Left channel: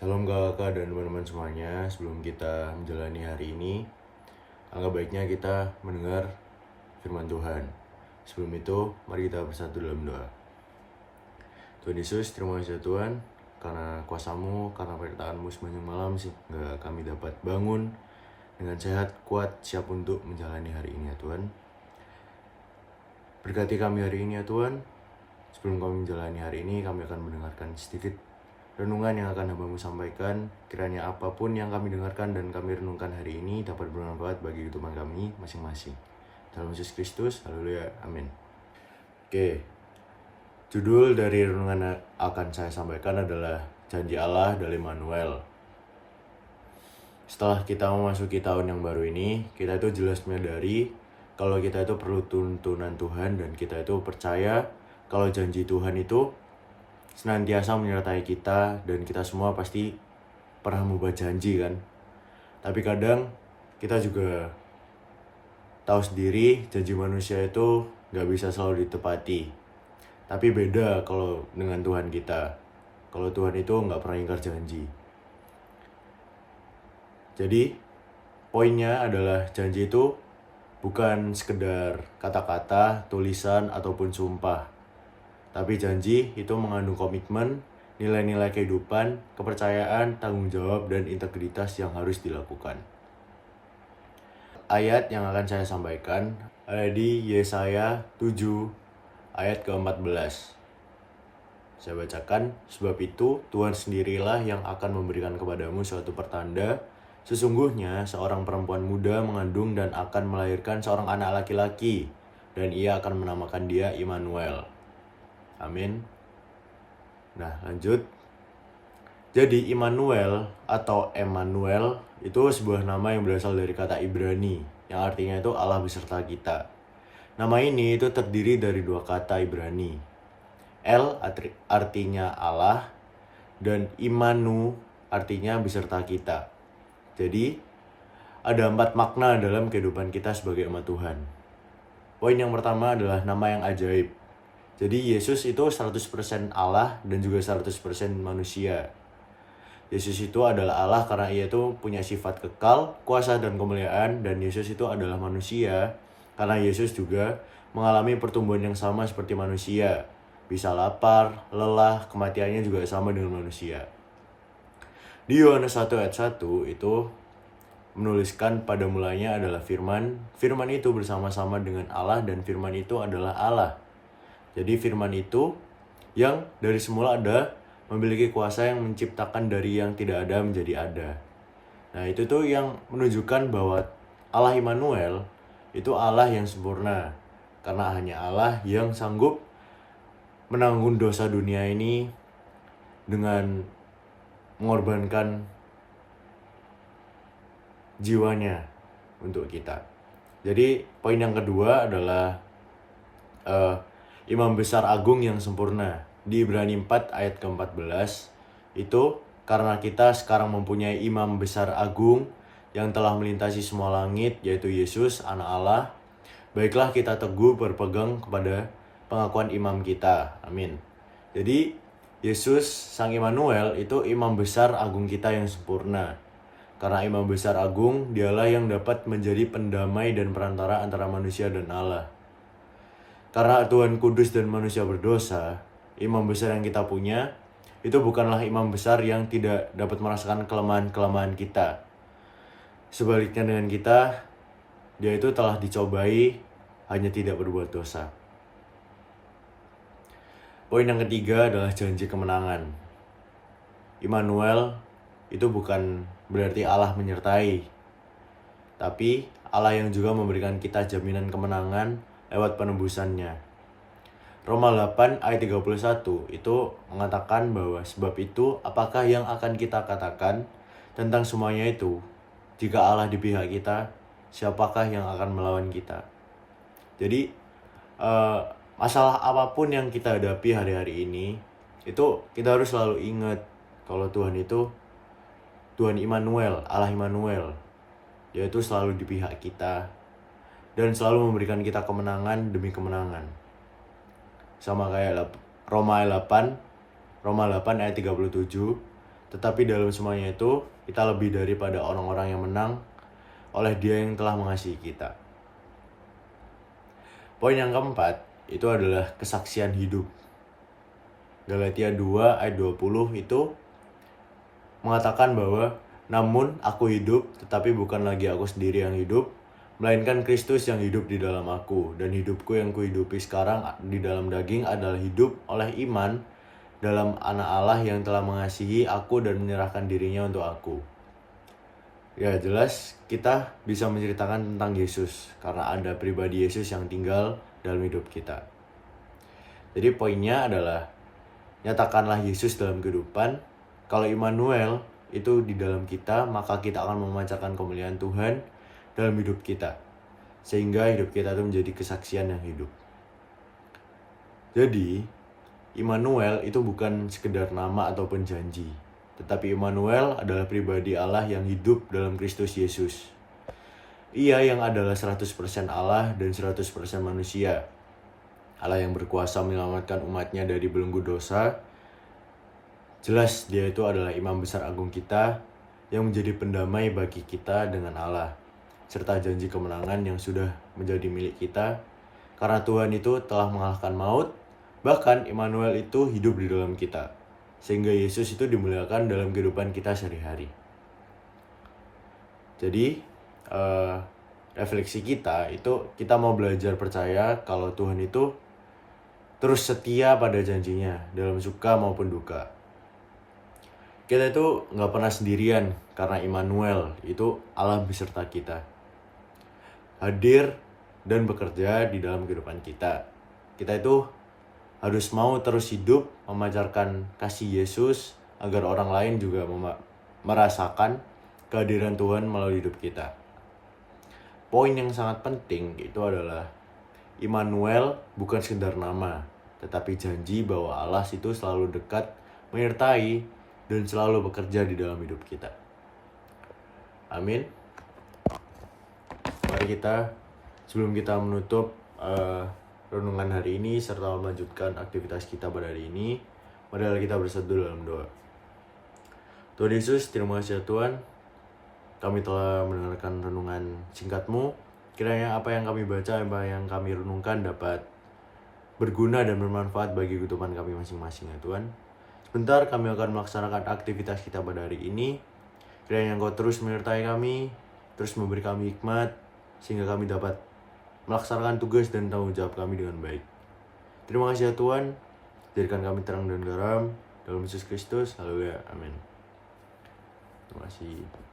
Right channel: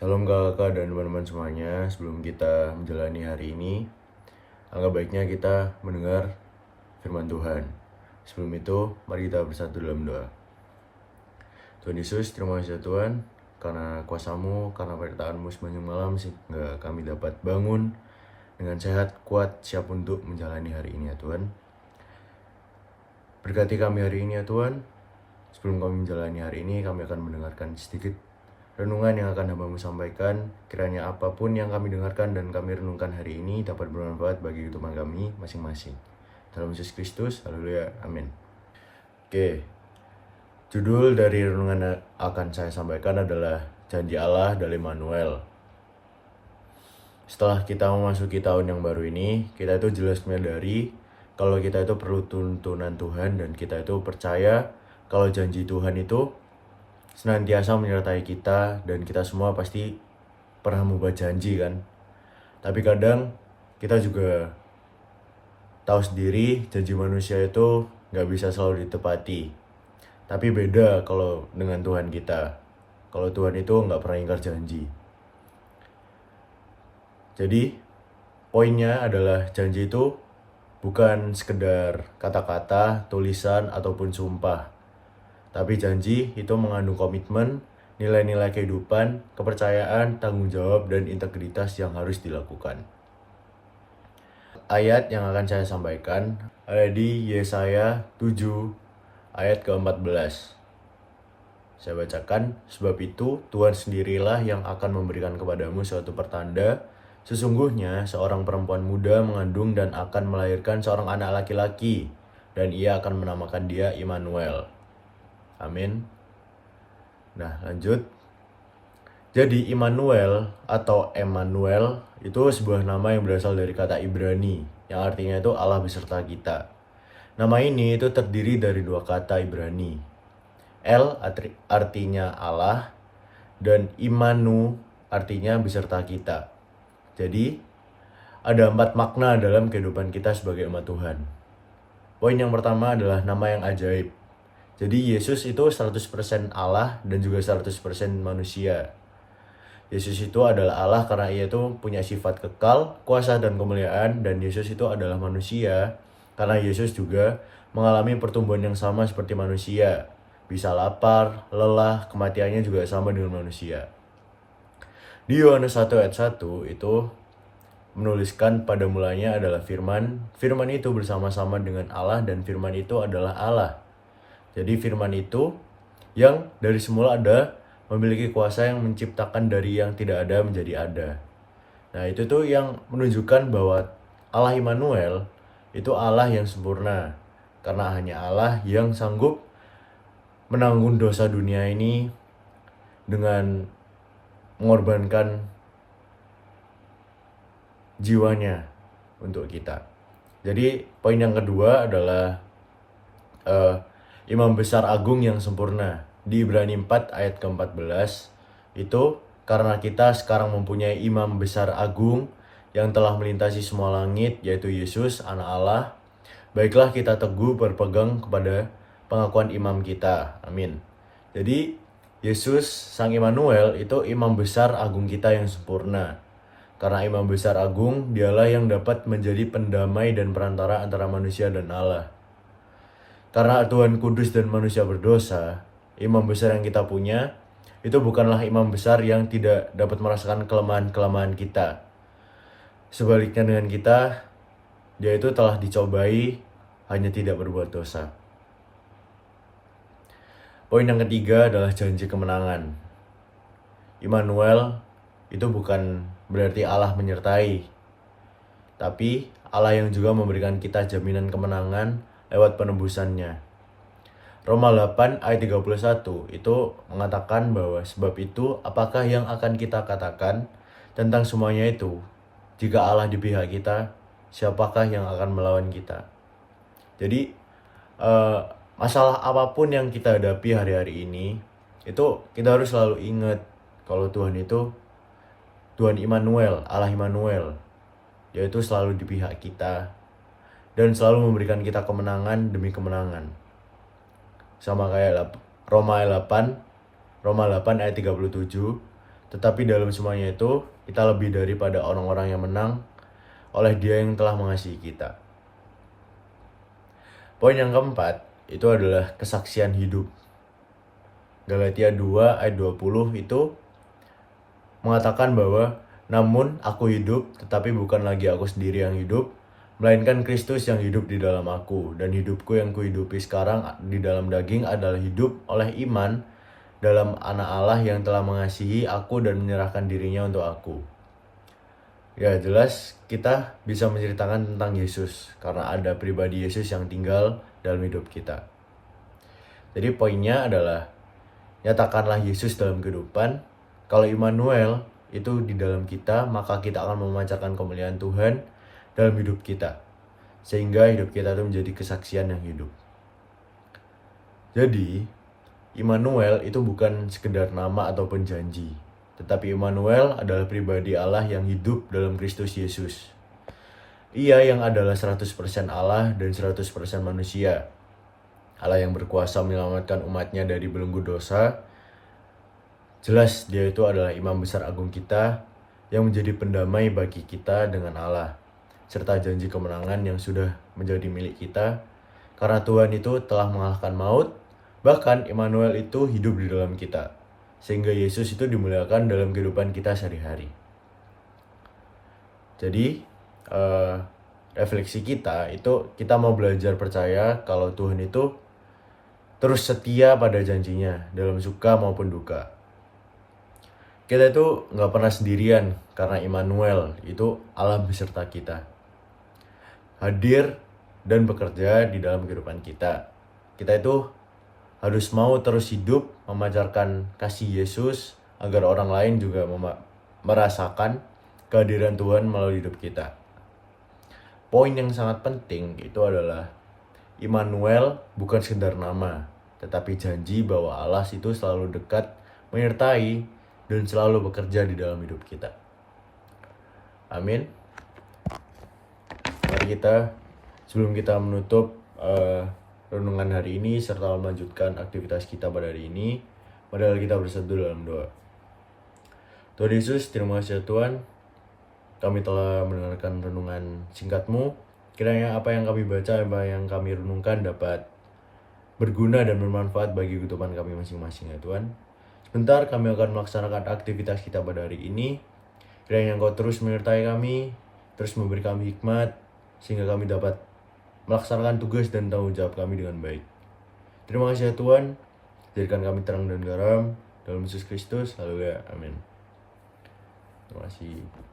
Salam kakak dan teman-teman semuanya. Sebelum kita menjalani hari ini, alangkah baiknya kita mendengar firman Tuhan. Sebelum itu, mari kita bersatu dalam doa. Tuhan Yesus, terima kasih Tuhan, karena kuasa-Mu, karena penyertaan-Mu sepanjang malam, sehingga kami dapat bangun dengan sehat, kuat, siap untuk menjalani hari ini ya Tuhan. Berkati kami hari ini ya Tuhan. Sebelum kami menjalani hari ini, kami akan mendengarkan sedikit renungan yang akan Hamba-Mu sampaikan. Kiranya apapun yang kami dengarkan dan kami renungkan hari ini dapat bermanfaat bagi kehidupan kami masing-masing. Dalam Yesus Kristus, haleluya, amin. Oke, judul dari renungan yang akan saya sampaikan adalah Janji Allah dari Immanuel. Setelah kita memasuki tahun yang baru ini, kita itu jelas menyadari kalau kita itu perlu tuntunan Tuhan dan kita itu percaya kalau janji Tuhan itu senantiasa menyertai kita dan kita semua pasti pernah membuat janji kan. Tapi kadang kita juga tahu sendiri janji manusia itu gak bisa selalu ditepati. Tapi beda kalau dengan Tuhan kita. Kalau Tuhan itu gak pernah ingkar janji. Jadi poinnya adalah janji itu bukan sekedar kata-kata, tulisan, ataupun sumpah. Tapi janji itu mengandung komitmen, nilai-nilai kehidupan, kepercayaan, tanggung jawab, dan integritas yang harus dilakukan. Ayat yang akan saya sampaikan ada di Yesaya 7 ayat ke-14. Saya bacakan, sebab itu Tuhan sendirilah yang akan memberikan kepadamu suatu pertanda. Sesungguhnya seorang perempuan muda mengandung dan akan melahirkan seorang anak laki-laki, dan ia akan menamakan dia Immanuel. Amin. Nah, lanjut. Jadi Immanuel atau Emmanuel itu sebuah nama yang berasal dari kata Ibrani, yang artinya itu Allah beserta kita. Nama ini itu terdiri dari dua kata Ibrani. El artinya Allah dan Immanu artinya beserta kita. Jadi ada 4 makna dalam kehidupan kita sebagai umat Tuhan. Poin yang pertama adalah nama yang ajaib. Jadi Yesus itu 100% Allah dan juga 100% manusia. Yesus itu adalah Allah karena ia itu punya sifat kekal, kuasa dan kemuliaan. Dan Yesus itu adalah manusia karena Yesus juga mengalami pertumbuhan yang sama seperti manusia. Bisa lapar, lelah, kematiannya juga sama dengan manusia. Di Yohanes 1 ayat 1 itu menuliskan pada mulanya adalah firman. Firman itu bersama-sama dengan Allah dan firman itu adalah Allah. Jadi firman itu yang dari semula ada, memiliki kuasa yang menciptakan dari yang tidak ada menjadi ada. Nah itu tuh yang menunjukkan bahwa Allah Immanuel itu Allah yang sempurna. Karena hanya Allah yang sanggup menanggung dosa dunia ini dengan mengorbankan jiwanya untuk kita. Jadi poin yang kedua adalah Imam Besar Agung yang sempurna. Di Ibrani 4 ayat ke-14 itu karena kita sekarang mempunyai Imam Besar Agung yang telah melintasi semua langit, yaitu Yesus anak Allah, baiklah kita teguh berpegang kepada pengakuan imam kita. Amin. Jadi Yesus Sang Immanuel itu Imam Besar Agung kita yang sempurna. Karena Imam Besar Agung dialah yang dapat menjadi pendamai dan perantara antara manusia dan Allah. Karena Tuhan kudus dan manusia berdosa, imam besar yang kita punya itu bukanlah imam besar yang tidak dapat merasakan kelemahan-kelemahan kita. Sebaliknya dengan kita, dia itu telah dicobai, hanya tidak berbuat dosa. Poin yang ketiga adalah janji kemenangan. Immanuel itu bukan berarti Allah menyertai, tapi Allah yang juga memberikan kita jaminan kemenangan lewat penebusannya. Roma 8 ayat 31 itu mengatakan bahwa sebab itu apakah yang akan kita katakan tentang semuanya itu? Jika Allah di pihak kita, siapakah yang akan melawan kita? Jadi masalah apapun yang kita hadapi hari-hari ini, itu kita harus selalu ingat kalau Tuhan itu Tuhan Immanuel, Allah Immanuel, yaitu selalu di pihak kita dan selalu memberikan kita kemenangan demi kemenangan. Sama kayak Roma 8 ayat 37. Tetapi dalam semuanya itu, kita lebih daripada orang-orang yang menang oleh Dia yang telah mengasihi kita. Poin yang keempat, itu adalah kesaksian hidup. Galatia 2 ayat 20 itu mengatakan bahwa, namun aku hidup, tetapi bukan lagi aku sendiri yang hidup, melainkan Kristus yang hidup di dalam aku. Dan hidupku yang kuhidupi sekarang di dalam daging adalah hidup oleh iman dalam Anak Allah yang telah mengasihi aku dan menyerahkan dirinya untuk aku. Ya jelas kita bisa menceritakan tentang Yesus karena ada pribadi Yesus yang tinggal dalam hidup kita. Jadi poinnya adalah nyatakanlah Yesus dalam kehidupan. Kalau Immanuel itu di dalam kita, maka kita akan memancarkan kemuliaan Tuhan dalam hidup kita. Sehingga hidup kita itu menjadi kesaksian yang hidup. Jadi, Immanuel itu bukan sekedar nama ataupun janji. Tetapi Immanuel adalah pribadi Allah yang hidup dalam Kristus Yesus. Ia yang adalah 100% Allah dan 100% manusia. Allah yang berkuasa menyelamatkan umatnya dari belenggu dosa. Jelas dia itu adalah imam besar agung kita yang menjadi pendamai bagi kita dengan Allah. Serta janji kemenangan yang sudah menjadi milik kita. Karena Tuhan itu telah mengalahkan maut. Bahkan Immanuel itu hidup di dalam kita. Sehingga Yesus itu dimuliakan dalam kehidupan kita sehari-hari. Jadi refleksi kita itu kita mau belajar percaya kalau Tuhan itu terus setia pada janjinya dalam suka maupun duka. Kita itu gak pernah sendirian karena Immanuel itu Allah beserta kita. Hadir dan bekerja di dalam kehidupan kita. Kita itu harus mau terus hidup memancarkan kasih Yesus agar orang lain juga merasakan kehadiran Tuhan melalui hidup kita. Poin yang sangat penting itu adalah Immanuel bukan sekedar nama, tetapi janji bahwa Allah itu selalu dekat, menyertai, dan selalu bekerja di dalam hidup kita. Amin. Mari kita, sebelum kita menutup renungan hari ini serta melanjutkan aktivitas kita pada hari ini, padahal kita berseduh dalam doa. Tuhan Yesus, terima kasih Tuhan, kami telah mendengarkan renungan singkat-Mu. Kiranya apa yang kami baca, apa yang kami renungkan dapat berguna dan bermanfaat bagi kehidupan kami masing-masing ya Tuhan. Sebentar kami akan melaksanakan aktivitas kita pada hari ini. Kiranya Engkau terus menyertai kami, terus memberi kami hikmat, sehingga kami dapat melaksanakan tugas dan tanggung jawab kami dengan baik. Terima kasih ya Tuhan, jadikan kami terang dan garam dalam Yesus Kristus. Haleluya, amin. Terima kasih.